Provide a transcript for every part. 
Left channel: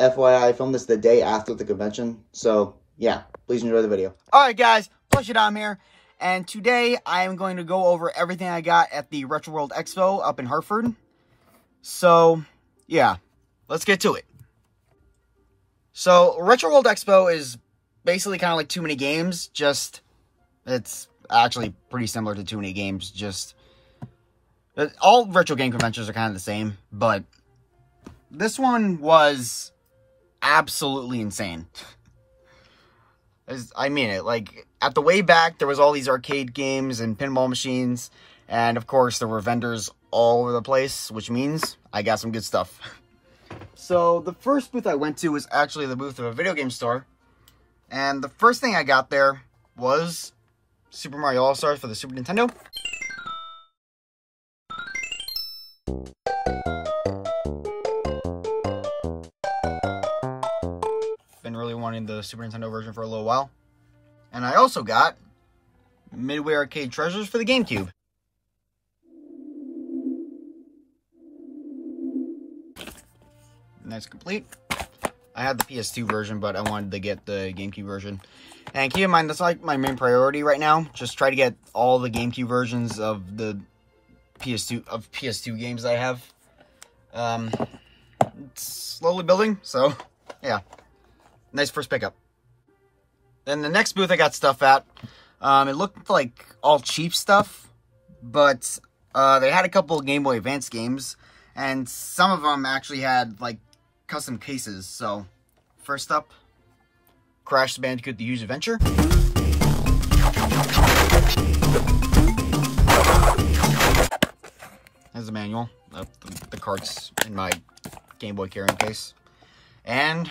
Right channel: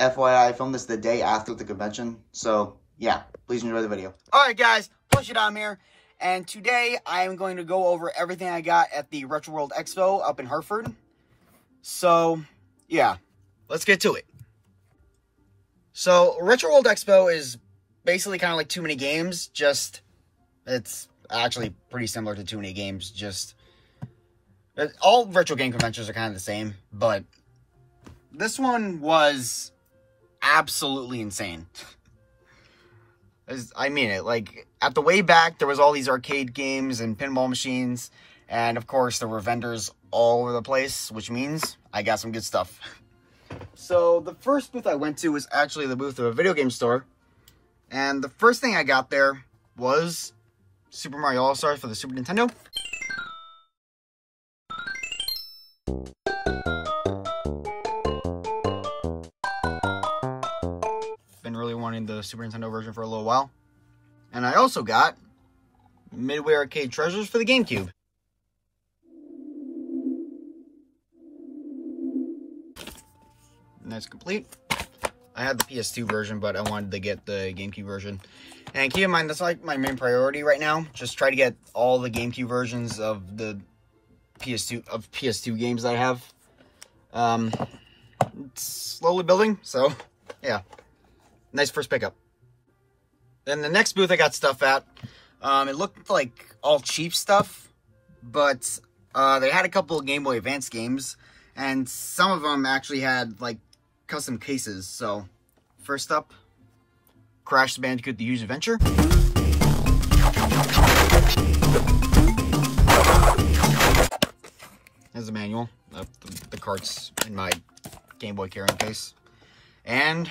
FYI, I filmed this the day after the convention, so yeah, please enjoy the video. Alright guys, Push-It-Dom here, and today I am going to go over everything I got at the Retro World Expo up in Hartford. So, yeah, let's get to it. So, Retro World Expo is basically kind of like Too Many Games, just, it's actually pretty similar to Too Many Games, just, all retro game conventions are kind of the same, but this one was absolutely insane. I mean it, like, at the way back, there was all these arcade games and pinball machines, and of course, there were vendors all over the place, which means I got some good stuff. So, the first booth I went to was actually the booth of a video game store, and the first thing I got there was Super Mario All-Stars for the Super Nintendo. Been really wanting the Super Nintendo version for a little while. And I also got Midway Arcade Treasures for the GameCube. And that's complete. I had the PS2 version, but I wanted to get the GameCube version. And keep in mind, that's like my main priority right now. Just try to get all the GameCube versions of the PS2 games I have. It's slowly building, so yeah. Nice first pickup. Then the next booth I got stuff at, it looked like all cheap stuff, but they had a couple of Game Boy Advance games, and some of them actually had like custom cases. So first up, Crash Bandicoot: The Huge Adventure. There's the manual. The cart's in my Game Boy carrying case. And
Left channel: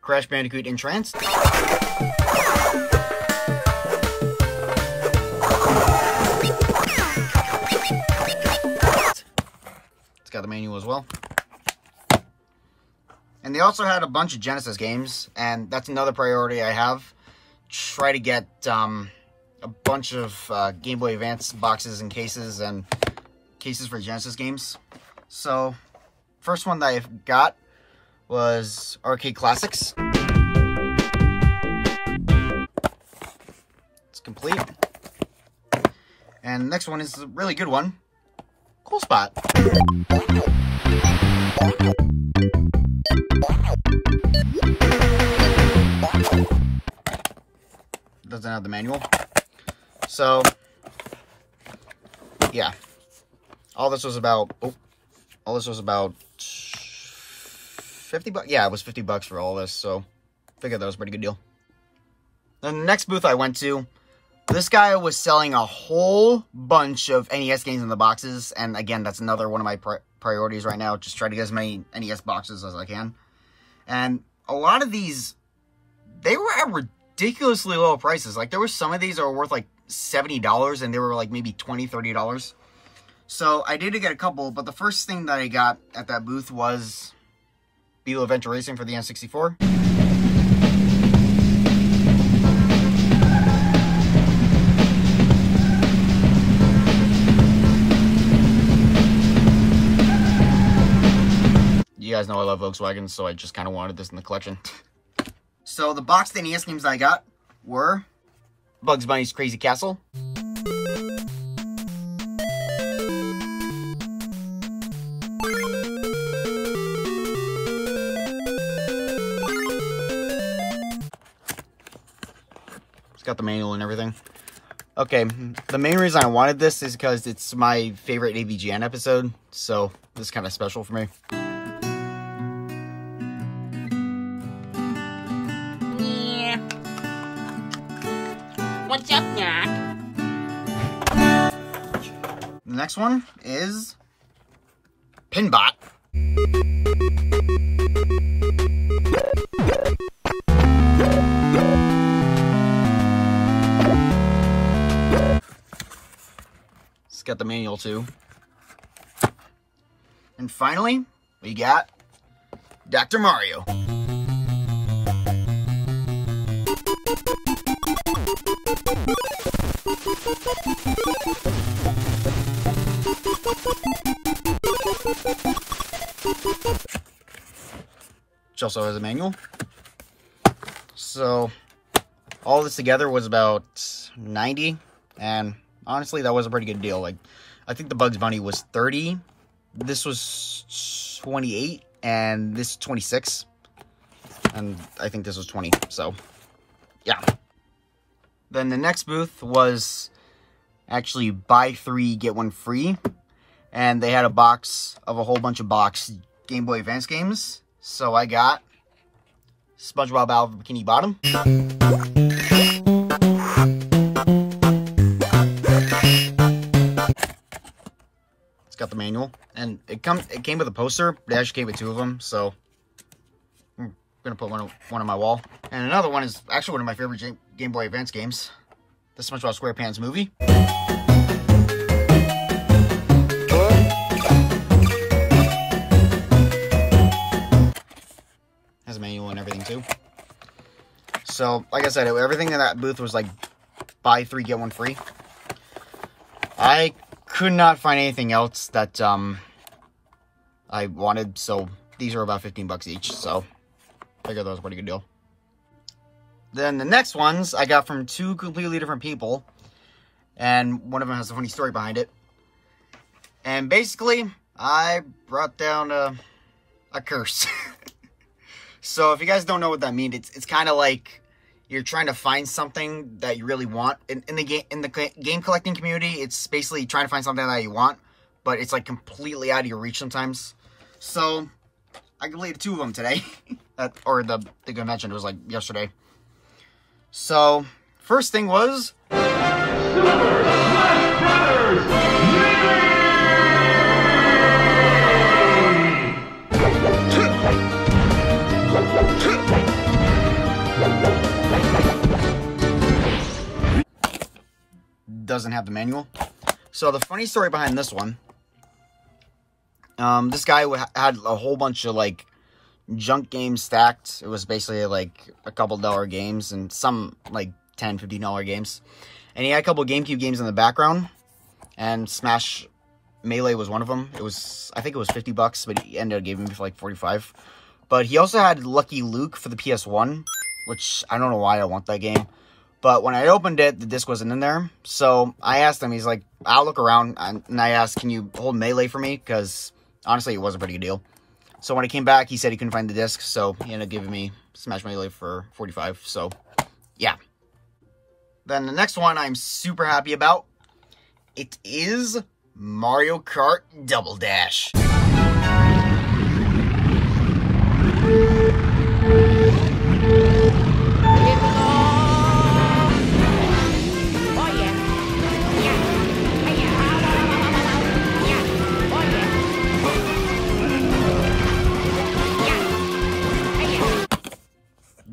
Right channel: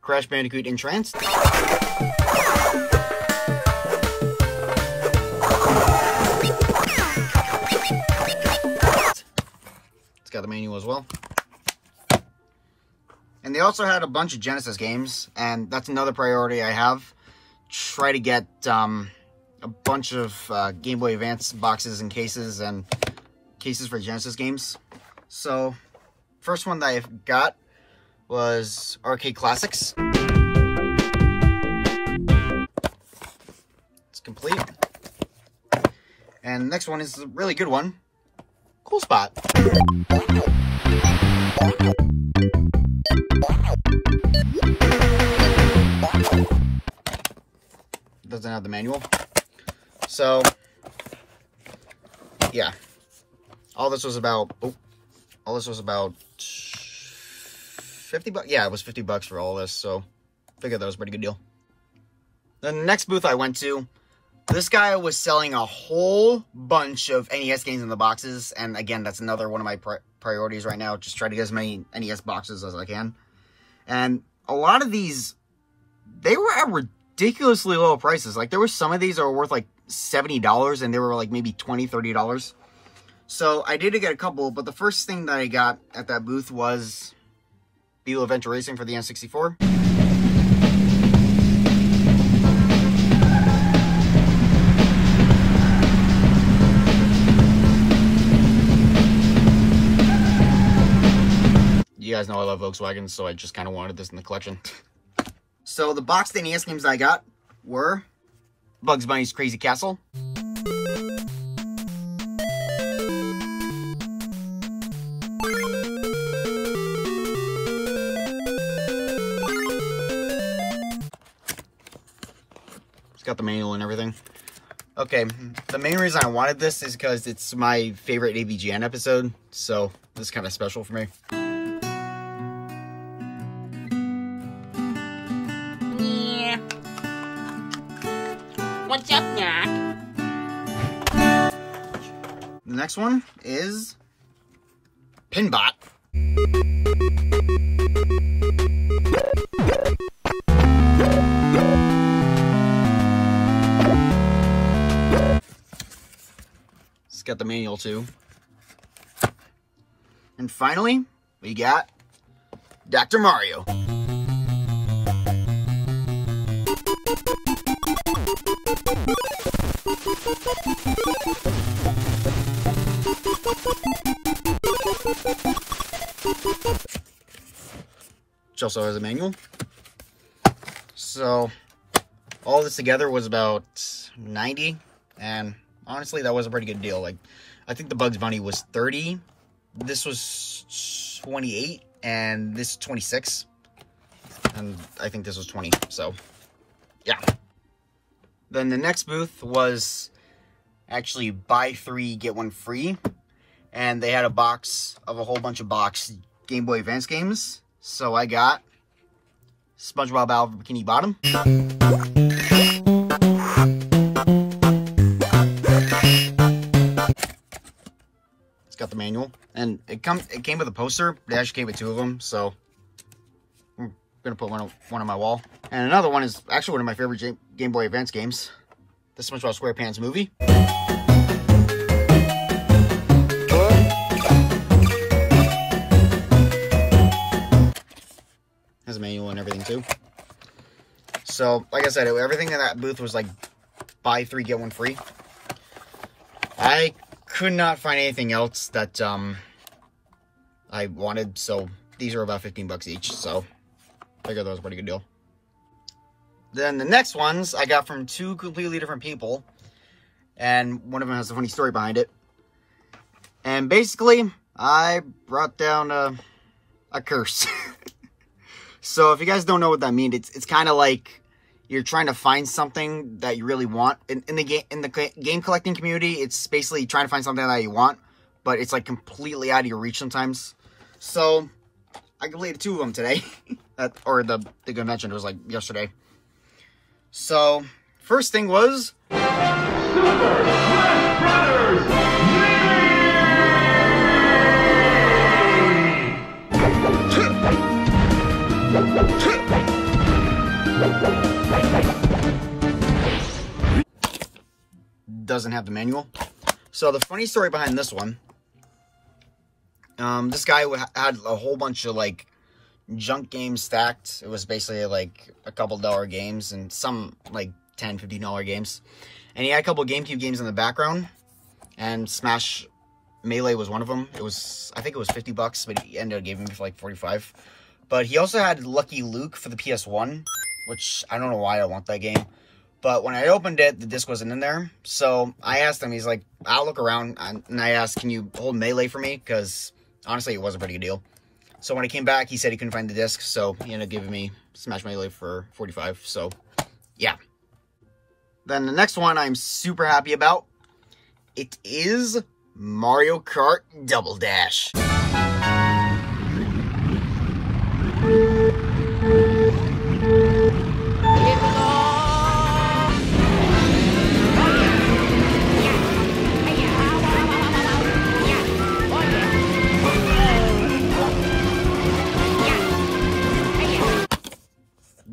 Crash Bandicoot Entranced. It's got the manual as well. And they also had a bunch of Genesis games, and that's another priority I have. Try to get a bunch of Game Boy Advance boxes and cases for Genesis games. So, first one that I got was Arcade Classics. It's complete. And the next one is a really good one, Cool Spot. Doesn't have the manual. So, yeah. All this was about 50 bucks. Yeah, it was 50 bucks for all this, so I figured that was a pretty good deal. Then the next booth I went to, this guy was selling a whole bunch of NES games in the boxes, and again, that's another one of my priorities right now, just try to get as many NES boxes as I can. And a lot of these, they were at ridiculously low prices. Like, there were some of these that were worth like $70, and they were like maybe $20, $30. So I did get a couple, but the first thing that I got at that booth was Beetle Adventure Racing for the N64. You guys know I love Volkswagen, so I just kind of wanted this in the collection. So the boxed NES games I got were Bugs Bunny's Crazy Castle, got the manual and everything. Okay, the main reason I wanted this is because it's my favorite AVGN episode, so this is kind of special for me. Yeah. What's up, Nat? The next one is Pinbot. Got the manual too. And finally, we got Dr. Mario. which also has a manual. So all this together was about $90, and honestly, that was a pretty good deal. Like, I think the Bugs Bunny was $30. This was $28, and this $26. And I think this was $20, so yeah. Then the next booth was actually buy 3, get 1 free. And they had a box of a whole bunch of box Game Boy Advance games. So I got SpongeBob Battle for Bikini Bottom. It's got the manual, and it came with a poster. They actually came with 2 of them, so I'm gonna put one on my wall. And another one is actually one of my favorite Game Boy Advance games, the SpongeBob SquarePants movie. Has a manual and everything too. So, like I said, everything in that booth was like buy 3, get 1 free. I could not find anything else that I wanted, so these are about 15 bucks each, so I figured that was a pretty good deal. Then the next ones I got from 2 completely different people, and one of them has a funny story behind it. And basically, I brought down a curse. So if you guys don't know what that means, it's kind of like you're trying to find something that you really want. In the game collecting community, it's basically trying to find something that you want, but it's like completely out of your reach sometimes. So I completed 2 of them today, or the convention. It was like yesterday. So first thing was Super Smash Brothers. Doesn't have the manual. So the funny story behind this one, this guy had a whole bunch of like junk games stacked. It was basically like a couple dollar games and some like $10, $15 games. And he had a couple GameCube games in the background, and Smash Melee was one of them. It was, I think it was 50 bucks, but he ended up giving me for like 45. But he also had Lucky Luke for the PS1, which I don't know why I want that game. But when I opened it, the disc wasn't in there. So I asked him, he's like, I'll look around. And I asked, can you hold Melee for me? Because honestly, it was a pretty good deal. So when I came back, he said he couldn't find the disc. So he ended up giving me Smash Melee for 45. So yeah. Then the next one I'm super happy about. It is Mario Kart Double Dash.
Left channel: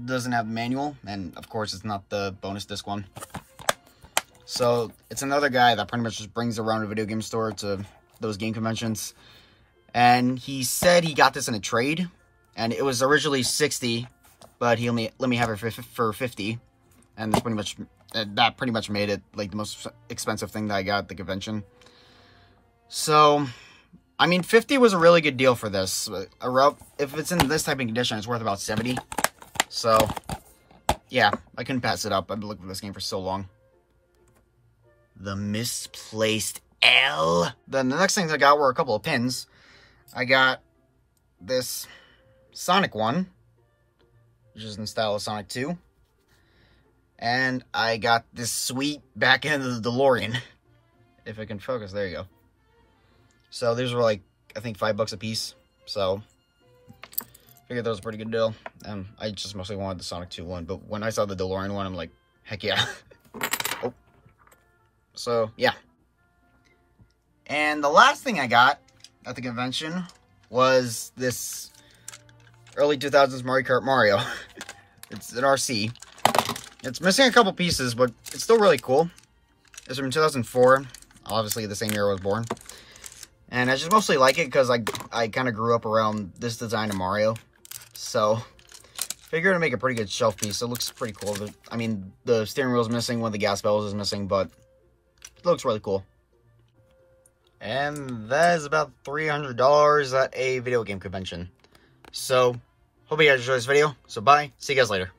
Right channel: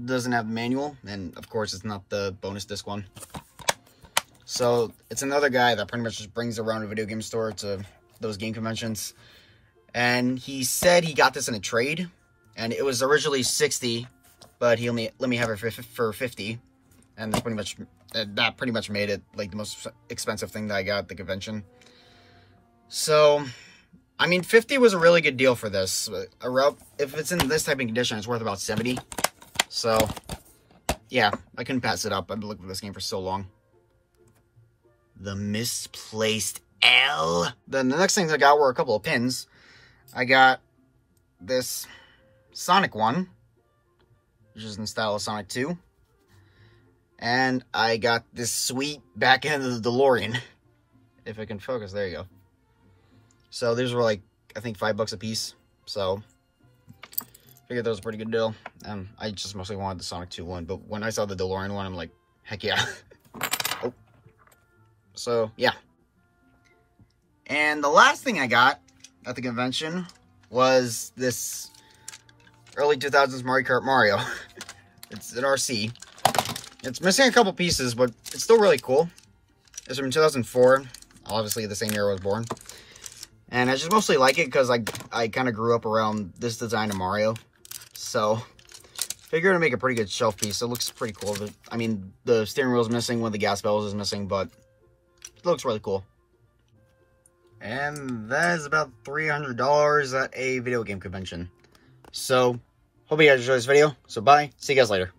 Doesn't have the manual, and of course it's not the bonus disc one. So it's another guy that pretty much just brings around a video game store to those game conventions, and he said he got this in a trade, and it was originally 60, but he only let me have it for 50, and that pretty much made it like the most expensive thing that I got at the convention. So I mean, 50 was a really good deal for this. If it's in this type of condition, it's worth about 70. So, yeah, I couldn't pass it up. I've been looking for this game for so long. The Misplaced L. Then the next things I got were a couple of pins. I got this Sonic one, which is in the style of Sonic 2. And I got this sweet back end of the DeLorean. If I can focus, there you go. So these were like, I think $5 a piece. So figured that was a pretty good deal. I just mostly wanted the Sonic 2 one, but when I saw the DeLorean one, I'm like, heck yeah. Oh. So, yeah. And the last thing I got at the convention was this early 2000s Mario Kart Mario. It's an RC. It's missing a couple pieces, but it's still really cool. It's from 2004. Obviously, the same year I was born. And I just mostly like it because I kind of grew up around this design of Mario. So, figured to make a pretty good shelf piece. It looks pretty cool. I mean, the steering wheel is missing, one of the gas bells is missing, but it looks really cool. And that is about $300 at a video game convention. So, Hope you guys enjoyed this video. So bye. See you guys later.